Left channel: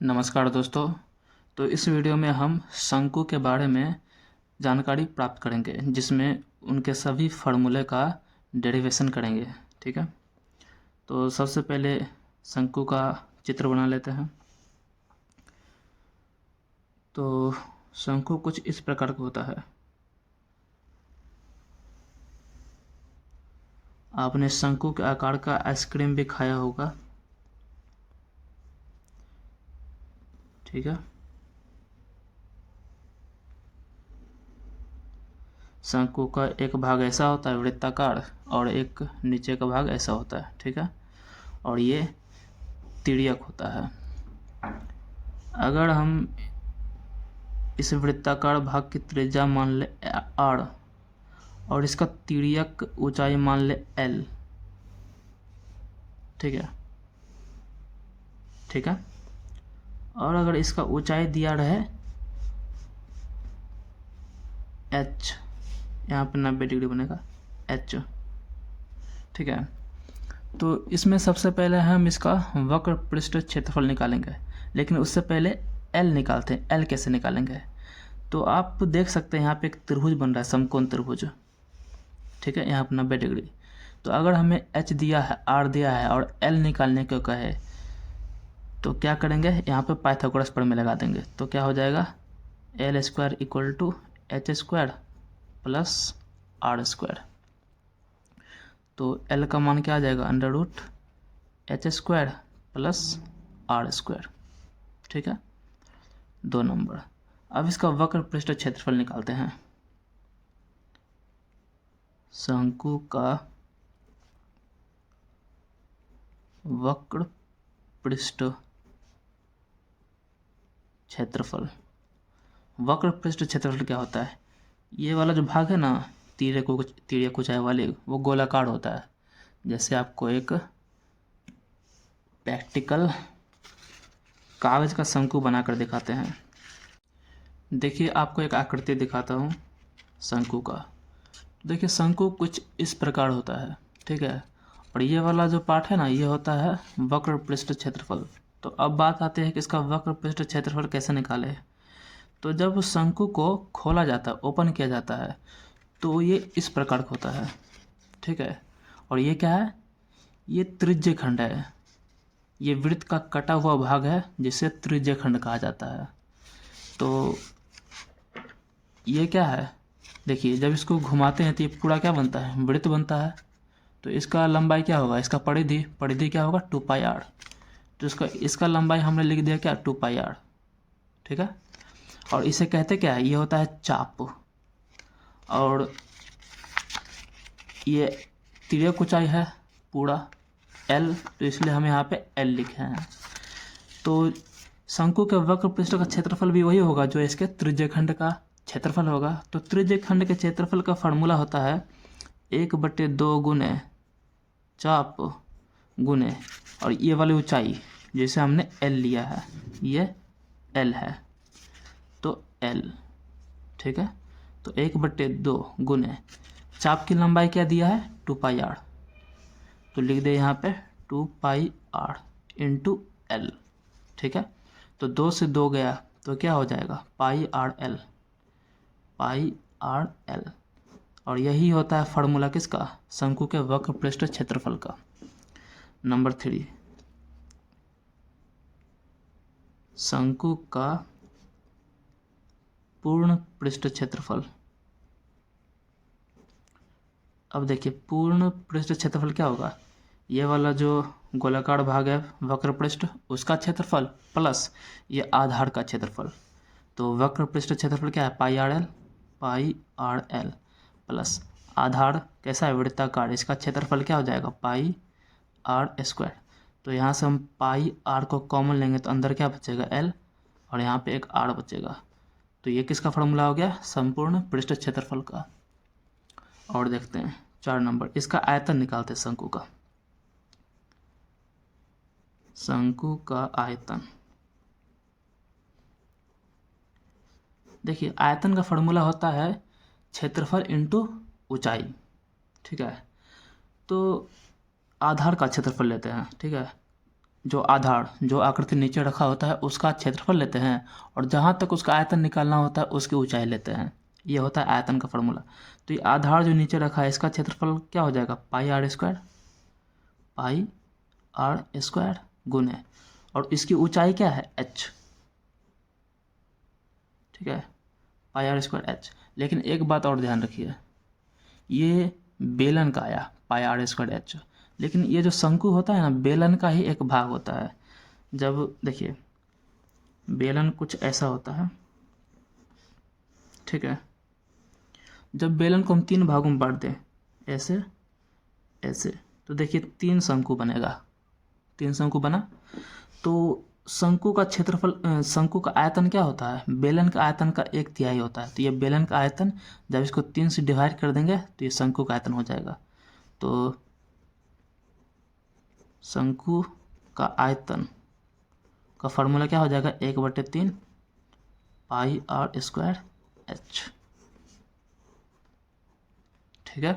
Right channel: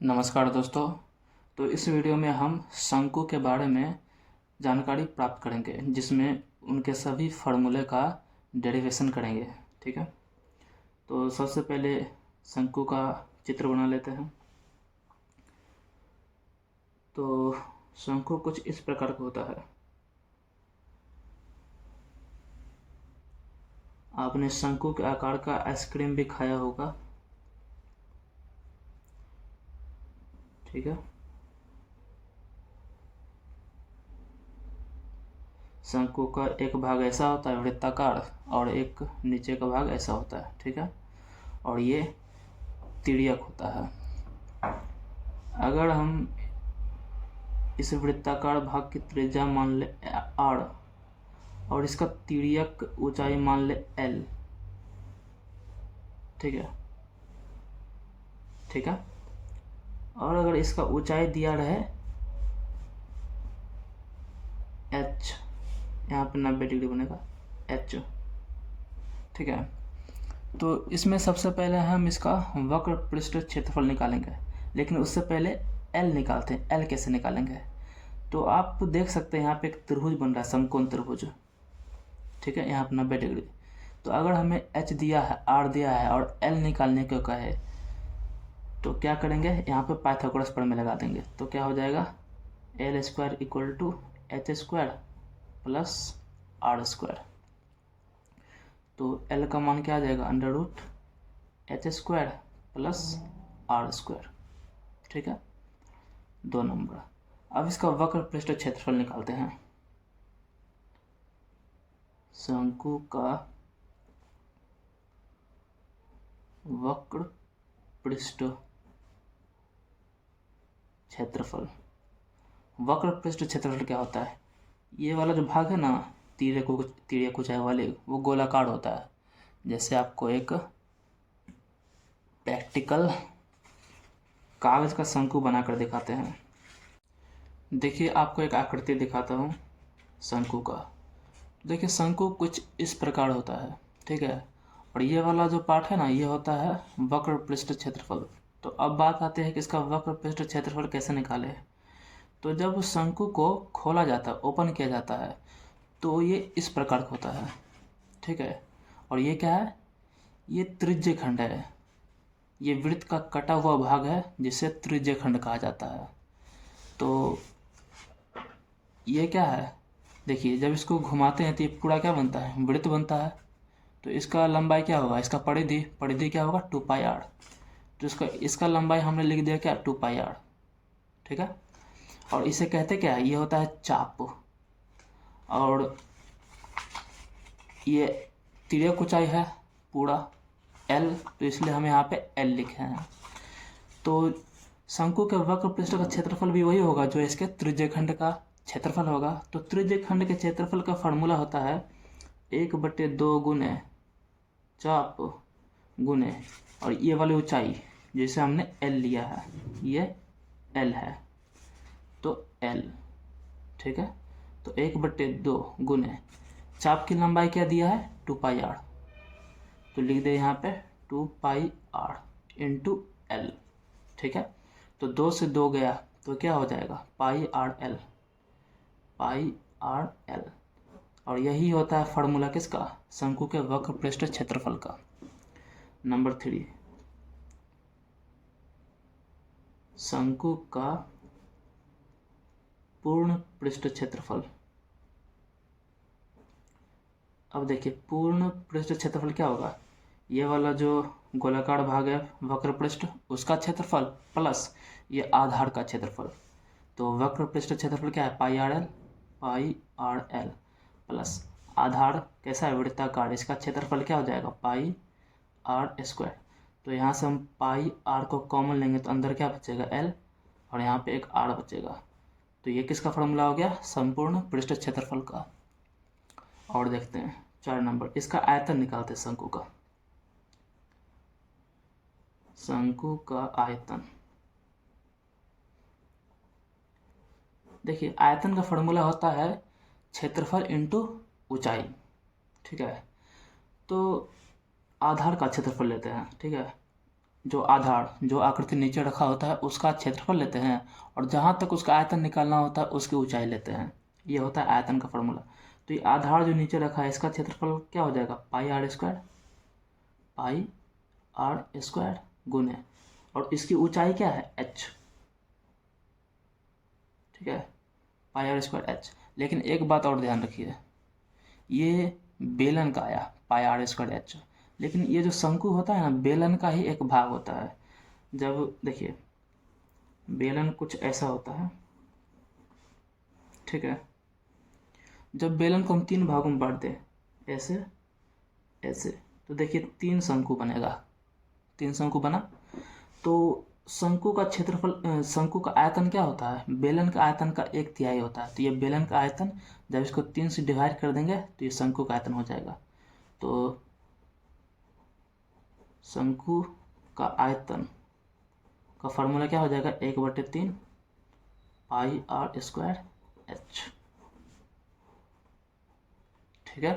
नमस्कार दोस्तों। तो इस वीडियो में हम शंकु के बारे में जानकारी प्राप्त करेंगे, जिसमें उनके सभी फार्मूले का डेरिवेशन करेंगे। ठीक है, तो सबसे पहले शंकु का चित्र बना लेते हैं। तो शंकु कुछ इस प्रकार का होता है। आपने शंकु के आकार का आइसक्रीम भी खाया होगा। ठीक है, शंकु का एक भाग ऐसा होता है वृत्ताकार, और एक नीचे का भाग ऐसा होता है। ठीक है, और ये तिर्यक होता है। अगर हम इस वृत्ताकार भाग की त्रिज्या मान ले r और इसका तिर्यक ऊंचाई मान ले l। ठीक है, ठीक है। और अगर इसका ऊंचाई दिया रहे h, यहाँ पे 90 डिग्री बनेगा h। ठीक है, तो इसमें सबसे पहले हम इसका वक्र पृष्ठ क्षेत्रफल निकालेंगे, लेकिन उससे पहले l निकालते हैं। l कैसे निकालेंगे? तो आप देख सकते हैं यहाँ पे एक त्रिभुज बन रहा है, समकोण त्रिभुज। ठीक है, यहाँ पे 90 डिग्री। तो अगर हमें h दिया है, r दिया है और l निकालने को कहे तो क्या करेंगे? यहाँ पे पाइथागोरस प्रमेय लगा देंगे। तो क्या हो जाएगा? l square equal to h square plus r square. तो l का मान क्या आ जाएगा? Under root h square plus r square. ठीक है, 2 नंबर। अब इसका वक्र पृष्ठ क्षेत्रफल निकालते हैं। शंकु का वक्र पृष्ठ क्षेत्रफल। वक्र पृष्ठ क्षेत्रफल क्या होता है? ये वाला जो भाग है ना, तिर्यक ऊंचाई वाले, वो गोलाकार होता है। जैसे आपको एक प्रैक्टिकल कागज का शंकु बनाकर दिखाते हैं। देखिए, आपको एक आकृति दिखाता हूँ शंकु का। देखिए, शंकु कुछ इस प्रकार होता है। ठीक है, और ये वाला जो पार्ट है ना, ये होता है वक्र पृष्ठ क्षेत्रफल। तो अब बात आती है कि इसका वक्र पृष्ठ क्षेत्रफल कैसे निकाले। तो जब शंकु को खोला जाता है, ओपन किया जाता है, तो ये इस प्रकार का होता है। ठीक है, और ये क्या है? ये त्रिज्य खंड है। ये वृत्त का कटा हुआ भाग है, जिसे त्रिज्य खंड कहा जाता है। तो ये क्या है? देखिए, जब इसको घुमाते हैं तो ये पूरा क्या बनता है? वृत्त बनता है। तो इसका लंबाई क्या होगा? इसका परिधि क्या होगा? 2πr। तो इसका लंबाई हमने लिख दिया क्या? 2πr। ठीक है, और इसे कहते क्या है? ये होता है चाप। और ये तिर्यक ऊंचाई है पूरा l, तो इसलिए हम यहाँ पे l लिखे हैं। तो शंकु के वक्र पृष्ठ का क्षेत्रफल भी वही होगा जो इसके त्रिज्यखंड का क्षेत्रफल होगा। तो त्रिज्यखंड के क्षेत्रफल का फॉर्मूला होता है 1/2 गुने चाप गुने, और ये वाली ऊंचाई जैसे हमने l लिया है, ये l है, तो l। ठीक है, तो 1/2 गुने चाप की लंबाई क्या दिया है? 2πr। तो लिख दे यहाँ पे 2πr इंटू l। ठीक है, तो 2 से 2 गया तो क्या हो जाएगा? πrl। और यही होता है फार्मूला किसका? शंकु के वक्र पृष्ठ क्षेत्रफल का। नंबर 3, शंकु का पूर्ण पृष्ठ क्षेत्रफल। अब देखिए, पूर्ण पृष्ठ क्षेत्रफल क्या होगा? ये वाला जो गोलाकार भाग है वक्र पृष्ठ, उसका क्षेत्रफल प्लस ये आधार का क्षेत्रफल। तो वक्र पृष्ठ क्षेत्रफल क्या है? पाई आर एल प्लस आधार कैसा है? वृत्ताकार। इसका क्षेत्रफल क्या हो जाएगा? πr square. तो यहाँ से हम πr को कॉमन लेंगे तो अंदर क्या बचेगा? l, और यहाँ पे एक r बचेगा। तो ये किसका फॉर्मूला हो गया? संपूर्ण पृष्ठ क्षेत्रफल का। और देखते हैं 4 नंबर, इसका आयतन निकालते हैं शंकु का। शंकु का आयतन। देखिए, आयतन का फॉर्मूला होता है क्षेत्रफल इंटू ऊंचाई। ठीक है, तो आधार का क्षेत्रफल लेते हैं। ठीक है, जो आधार, जो आकृति नीचे रखा होता है उसका क्षेत्रफल लेते हैं और जहाँ तक उसका आयतन निकालना होता है उसकी ऊंचाई लेते हैं। ये होता है आयतन का फॉर्मूला। तो ये आधार जो नीचे रखा है इसका क्षेत्रफल क्या हो जाएगा, पाई आर स्क्वायर गुने, और इसकी ऊंचाई क्या है, h। ठीक है, पाई आर स्क्वायर h। लेकिन एक बात और ध्यान रखिए, ये बेलन का आया पाई आर स्क्वायर h, लेकिन ये जो शंकु होता है ना, बेलन का ही एक भाग होता है। जब देखिए बेलन कुछ ऐसा होता है, ठीक है, जब बेलन को हम 3 भागों में बांट दें, ऐसे ऐसे, तो देखिए 3 शंकु बनेगा, 3 शंकु बना। तो शंकु का क्षेत्रफल, शंकु का आयतन क्या होता है, बेलन का आयतन का 1/3 होता है। तो ये बेलन का आयतन, जब इसको 3 से डिवाइड कर देंगे तो ये शंकु का आयतन हो जाएगा। तो शंकु का आयतन का फॉर्मूला क्या हो जाएगा, 1/3 पाई आर स्क्वायर h। ठीक है,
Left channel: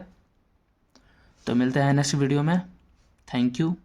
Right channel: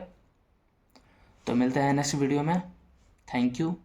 तो मिलते हैं नेक्स्ट वीडियो में। Thank you.